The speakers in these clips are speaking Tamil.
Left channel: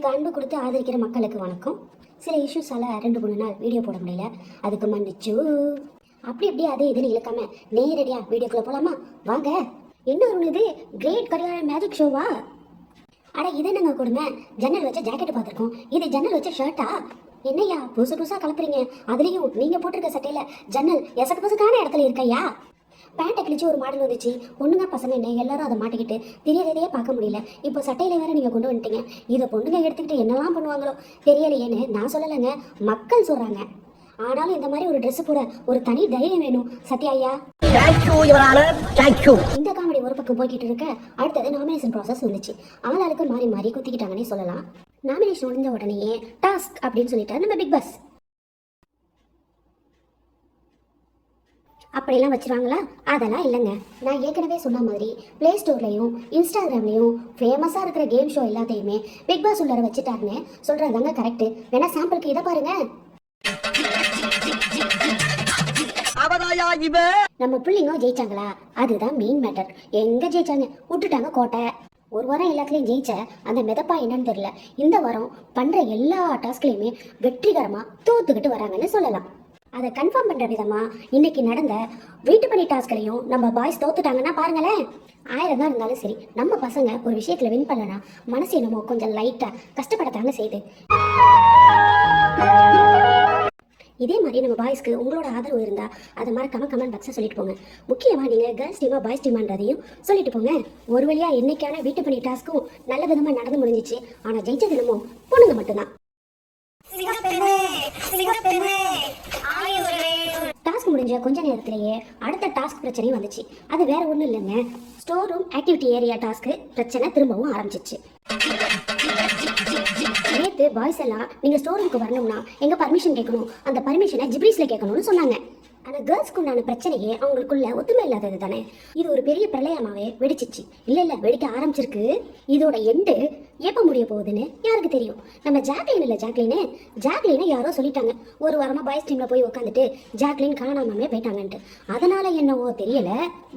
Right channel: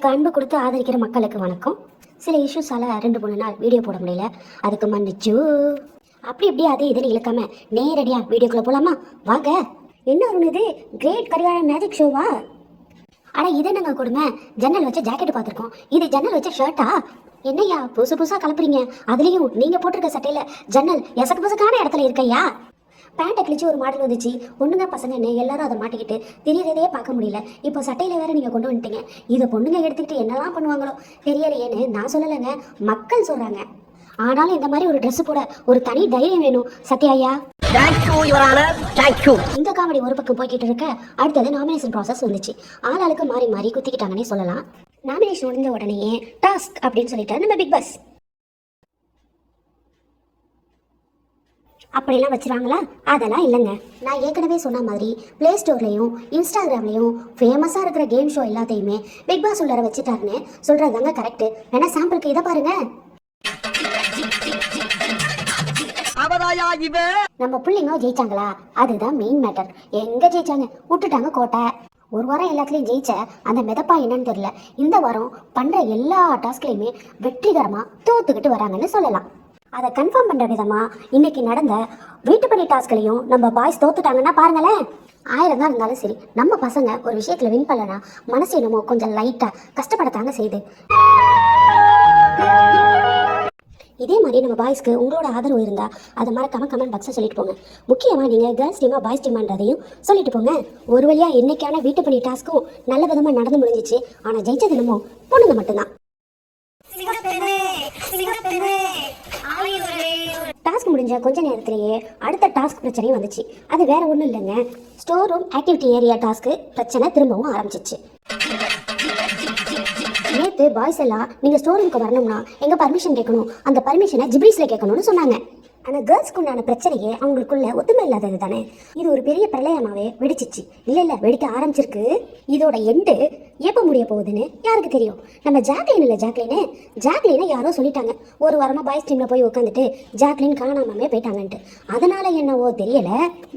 எனக்கு அன்பு கொடுத்து ஆதரிக்கிற மக்களுக்கு வணக்கம். சில இஷ்யூஸால் 2-3 நாள் வீடியோ போட முடியல, அதுக்கு மன்னிச்சு. அப்படி அதே இதுன்னு இழுக்காம நேரடியாக வீடியோக்குள்ளே போகலாமா? வாங்க. இன்னொரு இது கிரேட் கரிகாலன் மேஜிக் ஷோவா? இது என்னங்க கொடுமை, ஜன்னல் வச்ச ஜாக்கெட் பார்த்துருக்கோம், இது ஜன்னல் வச்ச ஷர்ட்டா? என்னையா புதுசாக கலப்புறீங்க? அதுலேயும் நீங்கள் போட்டிருக்க சட்டையில் ஜன்னல் எசக்கு புசுக்கான இடத்துல இருக்கையா? பேண்ட்டை கிழிச்சு ஒரு மாடல் வந்துச்சு, பொண்ணுங்க பசங்கன்னு எல்லாரும் அதை மாட்டிக்கிட்டு தெரியறதையே பார்க்க முடியல. இப்போ சட்டையில் வேற நீங்கள் கொண்டு வந்துட்டீங்க. இதை பொண்ணுங்க எடுத்துக்கிட்டு என்னெல்லாம் பண்ணுவாங்களோ தெரியலையேன்னு நான் சொல்லலைங்க, மக்கள் சொல்கிறாங்க. ஆனாலும் இந்த மாதிரி ஒரு ட்ரெஸ் போட ஒரு தனி தைரியம் வேணும் சத்யா. இந்த காமெடி ஒரு பக்கம் போய்கிட்டு இருக்க, அடுத்தது நாமினேஷன் ப்ராசஸ் வந்துச்சு. ஆளாளுக்கு மாறி மாறி குத்திக்கிட்டாங்கன்னே சொல்லலாம். நாமினேஷன் முடிஞ்ச உடனேயே டாஸ்க் அப்படின்னு சொல்லிட்டு நம்ம பிக் பாஸ் அப்படிலாம் வச்சுருவாங்களா? அதெல்லாம் இல்லைங்க. நான் ஏற்கனவே சொன்ன மாதிரி ப்ளே ஸ்டோர்லையும் இன்ஸ்டாகிராம்லையும் ஃபேமஸாக இருக்கிற கேம் ஷோ எல்லாத்தையுமே பிக் பாஸ் உள்ளார வச்சுட்டாருன்னு சொல்கிறது தாங்க கரெக்டு. வேணா சாம்பிளுக்கு இதை பாருங்க. நம்ம பிள்ளைங்க ஜெயிச்சாங்களா? அதுதான் மெயின் மேட்டர். எங்க ஜெயிச்சாங்க? விட்டுட்டாங்க கோட்டை. ஒரு வாரம் எல்லாத்துலேயும் ஜெயிச்ச அந்த மிதப்பா என்னன்னு தெரியல, இந்த வாரம் பண்ணுற எல்லா டாஸ்க்லையுமே வெற்றிகரமாக தோத்துக்கிட்டு வராங்கன்னு சொல்லலாம். அதை கன்ஃபார்ம் பண்ணுற விதமாக இன்னைக்கு நடந்த வீட்டு பணி டாஸ்க்லையும் நம்ம பாய்ஸ் தோத்துட்டாங்கன்னா பாருங்களேன். 1000 தான் இருந்தாலும் சரி, நம்ம பசங்க ஒரு விஷயத்தில் வின் பண்ணலன்னா மனசு என்னமோ கொஞ்சம் லைட்டாக கஷ்டப்படத்தாங்க செய்யுது. இதே மாதிரி நம்ம பாய்ஸ்க்கு உங்களோட ஆதரவு இருந்தால் அதை மறக்காம கமெண்ட் பாக்ஸை சொல்லிட்டு போங்க. முக்கியமாக நீங்கள் கேர்ள்ஸ் டீமா பாய்ஸ் டீமான்றதையும் சொல்லிட்டு போங்க. ஒரு வழியாக இன்னைக்கான வீட்டு பணி டாஸ்க்கும் நல்ல விதமாக நடந்து முடிஞ்சிச்சு. ஆனால் ஜெயிச்சது என்னமோ பொண்ணுங்க மட்டும்தான். டாஸ்க் முடிஞ்ச கொஞ்ச நேரத்திலேயே அடுத்த டாஸ்க் பிரச்சனையும் வந்துச்சு. அது வேற ஒன்றும் இல்லைங்க, store room activity area task பிரச்சனை திரும்பவும் ஆரம்பிச்சிச்சு. நேற்று பாய்ஸ் எல்லாம் நீங்கள் ஸ்டோர் ரூமுக்கு வரணும்னா எங்கள் பர்மிஷன் கேட்கணும், அந்த பர்மிஷனை ஜிப்ரீஸில் கேட்கணும்னு சொன்னாங்க. ஆனால் கேர்ள்ஸ்க்கு உண்டான பிரச்சனையே அவங்களுக்குள்ள ஒத்துமை இல்லாதது தானே. இது ஒரு பெரிய பிரளயமாகவே வெடிச்சிச்சு. இல்லை வெடிக்க ஆரம்பிச்சிருக்கு. இதோட எண்டு எப்போ முடிய போகுதுன்னு யாருக்கு தெரியும்? நம்ம ஜாக்லின் இல்லை, ஜாக்லினை யாரோ சொல்லிட்டாங்க. ஒரு வாரமாக பாய்ஸ் டீமில் போய் உட்காந்துட்டு ஜாக்லின் காணாமே போயிட்டாங்கன்ட்டு. அதனால என்னவோ தெரியல,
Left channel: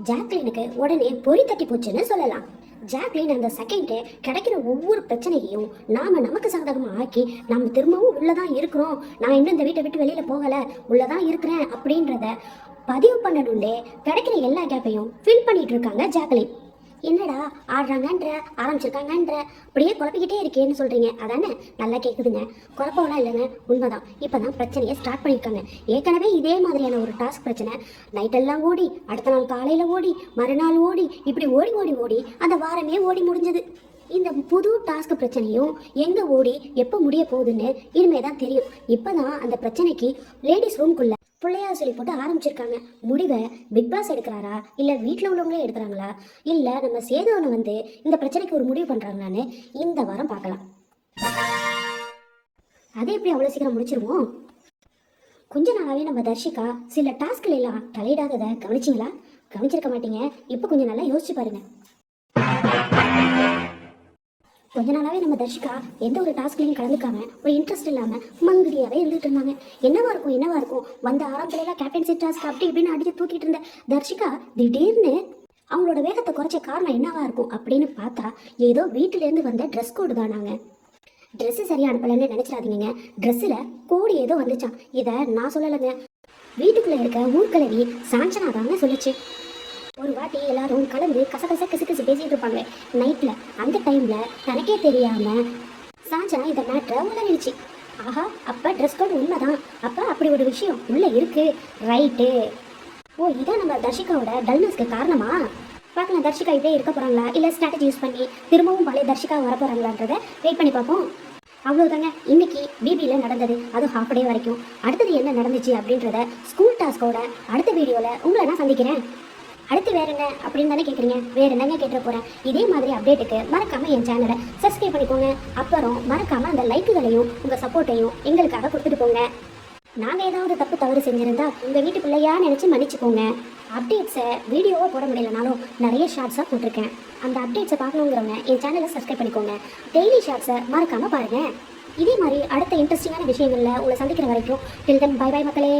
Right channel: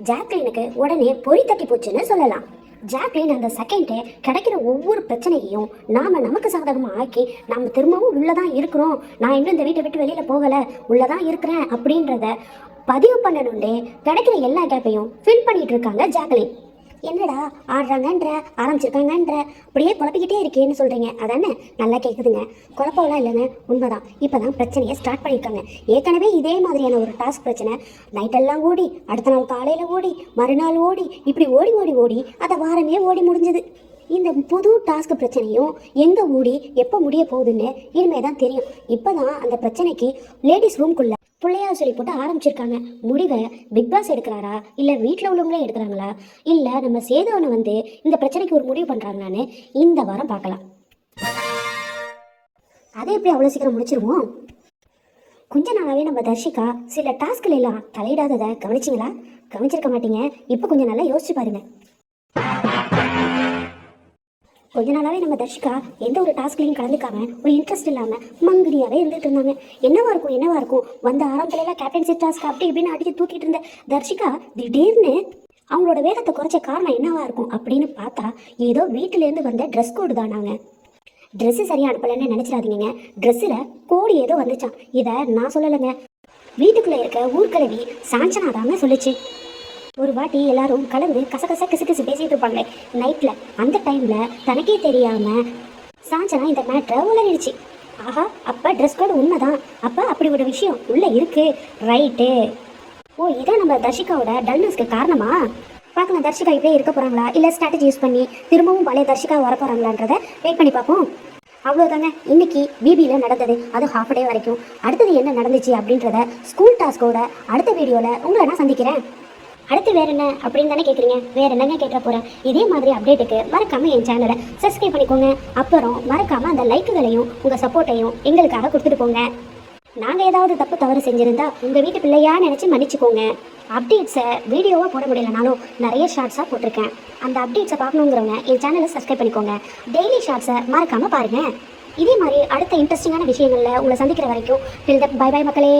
ஜாக்லினுக்கு உடனே பொறி தட்டி போச்சுன்னு சொல்லலாம். ஜாக்லின் அந்த செகண்டே கிடைக்கிற ஒவ்வொரு பிரச்சனையையும் நமக்கு சாதகமாக ஆக்கி நம்ம திரும்பவும் உள்ளதான் இருக்கிறோம், நான் இன்னும் இந்த வீட்டை விட்டு வெளியில் போகலை, உள்ளதான் இருக்கிறேன் அப்படின்றத பதிவு பண்ணணுண்டே கிடைக்கிற எல்லா கேப்பையும் ஃபில் பண்ணிட்டு இருக்காங்க ஜாக்லின். என்னடா ஆடுறாங்கன்ற ஆரம்பிச்சிருக்காங்கன்ற அப்படியே குழப்பிக்கிட்டே இருக்கேன்னு சொல்கிறீங்க, அதானே? நல்லா கேட்குதுங்க. குழப்பம்லாம் இல்லைங்க, உண்மைதான். இப்போ தான் பிரச்சனையை ஸ்டார்ட் பண்ணியிருக்காங்க. ஏற்கனவே இதே மாதிரியான ஒரு டாஸ்க் பிரச்சனை நைட்டெல்லாம் ஓடி, அடுத்த நாள் காலையில் ஓடி, மறுநாள் ஓடி, இப்படி ஓடி அந்த வாரமே ஓடி முடிஞ்சுது. இந்த புது டாஸ்க் பிரச்சனையும் எங்கே ஓடி எப்போ முடிய போகுதுன்னு இனிமே தான் தெரியும். இப்போ தான் அந்த பிரச்சனைக்கு லேடிஸ் ரூம்குள்ளே பிள்ளையார் சொல்லி போட்டு ஆரம்பிச்சிருக்காங்க. முடிவை பிக் பாஸ் எடுக்கிறாரா, இல்லை வீட்டில் உள்ளவங்களே எடுக்கிறாங்களா, இல்லை நம்ம சேதுவனை வந்து இந்த பிரச்சனைக்கு ஒரு முடிவு பண்ணுறாங்களான்னு இந்த வாரம் பார்க்கலாம். அதை எப்படி அவ்வளோ சீக்கிரம் முடிச்சிருவோம்? கொஞ்ச நாளாகவே நம்ம தர்ஷிகா சில டாஸ்கில் எல்லாம் தலையிடாததை கவனிச்சிங்களா? கவனிச்சிருக்க மாட்டீங்க. இப்போ கொஞ்சம் நல்லா யோசிச்சு பாருங்க. கொஞ்ச நாளாகவே நம்ம தர்ஷிகா எந்த ஒரு டாஸ்க்லையும் கலந்துக்காம ஒரு இன்ட்ரெஸ்ட் இல்லாமல் மங்கடியாகவே இருந்துட்டு இருந்தாங்க. என்னவா இருக்கும் வந்த ஆரம்பத்துலாம் கேப்டன்சி டாஸ்க் அப்படி இப்படின்னு அடித்து தூக்கிட்டு இருந்த தர்ஷிகா திடீர்னு அவங்களோட வேகத்தை குறைச்ச காரணம் என்னவா இருக்கும் அப்படின்னு பார்த்தா ஏதோ வீட்டிலேருந்து வந்த ட்ரெஸ் கோடு தானாங்க. ட்ரெஸ்ஸு சரியாக அனுப்பலைன்னு நினச்சிடாதீங்க, ட்ரெஸ்ஸில் கோடு ஏதோ வந்துச்சான். இதை நான் சொல்லலைங்க, வீட்டுக்குள்ளே இருக்க ஊர்கலவி சாஞ்சனா தாங்க சொல்லிச்சு. ஒரு வாட்டி எல்லாரும் கலந்து கசகச கிசு பேசிட்டு இருப்பாங்களே நைட்டில், அந்த டைமில் தனக்கே தெரியாமல் சாஞ்சனா இந்த மேட்ரை உளறிடுச்சு. ஆஹா, அப்போ ட்ரெஸ் கோடு உண்மைதான், அப்போ அப்படி ஒரு விஷயம் உள்ளே இருக்கு. ரைட்டு. ஓ, இதான் நம்ம தர்ஷிகாவோட டல்னஸ்க்கு காரணமா? பார்க்கலாம், தர்ஷிகா இப்படியே இருக்க போகிறாங்களா, இல்லை ஸ்ட்ராட்டஜி யூஸ் பண்ணி திரும்பவும் பழைய தர்ஷிகா வர போகிறாங்களான்றதை வெயிட் பண்ணி பார்ப்போம். அவ்வளோதாங்க இன்னைக்கு பிபியில் நடந்தது. அது ஹாஃப் டே வரைக்கும். அடுத்தது என்ன நடந்துச்சு அப்படின்றத ஸ்கூல் டாஸ்கோட அடுத்த வீடியோவில் உங்களை நான் சந்திக்கிறேன். அடுத்து வேறு என்ன அப்படின்னு தானே கேட்குறீங்க? வேறு என்னங்க கேட்க போகிறேன். இதே மாதிரி அப்டேட்டுக்கு மறக்காமல் என் சேனலை சப்ஸ்கிரைப் பண்ணிக்கோங்க. அப்புறம் மறக்காமல் அந்த லைக்குகளையும் உங்கள் சப்போர்ட்டையும் எங்களுக்காக கொடுத்துட்டு போங்க. நாங்கள் ஏதாவது தவறு செஞ்சுருந்தா உங்கள் வீட்டு பிள்ளையா நினச்சி மன்னிச்சுக்கோங்க. அப்டேட்ஸை வீடியோவாக போட முடியலனாலும் நிறைய ஷார்ட்ஸாக போட்டிருக்கேன். அந்த அப்டேட்ஸை பார்க்கணுங்கிறவங்க என் சேனலை சப்ஸ்கிரைப் பண்ணிக்கோங்க. டெய்லி ஷார்ட்ஸை மறக்காமல் பாருங்கள். இதே மாதிரி அடுத்த இன்ட்ரெஸ்டிங்கான விஷயங்களில் உங்களை சந்திக்கிற வரைக்கும் டில் தென் பை பை மக்களே.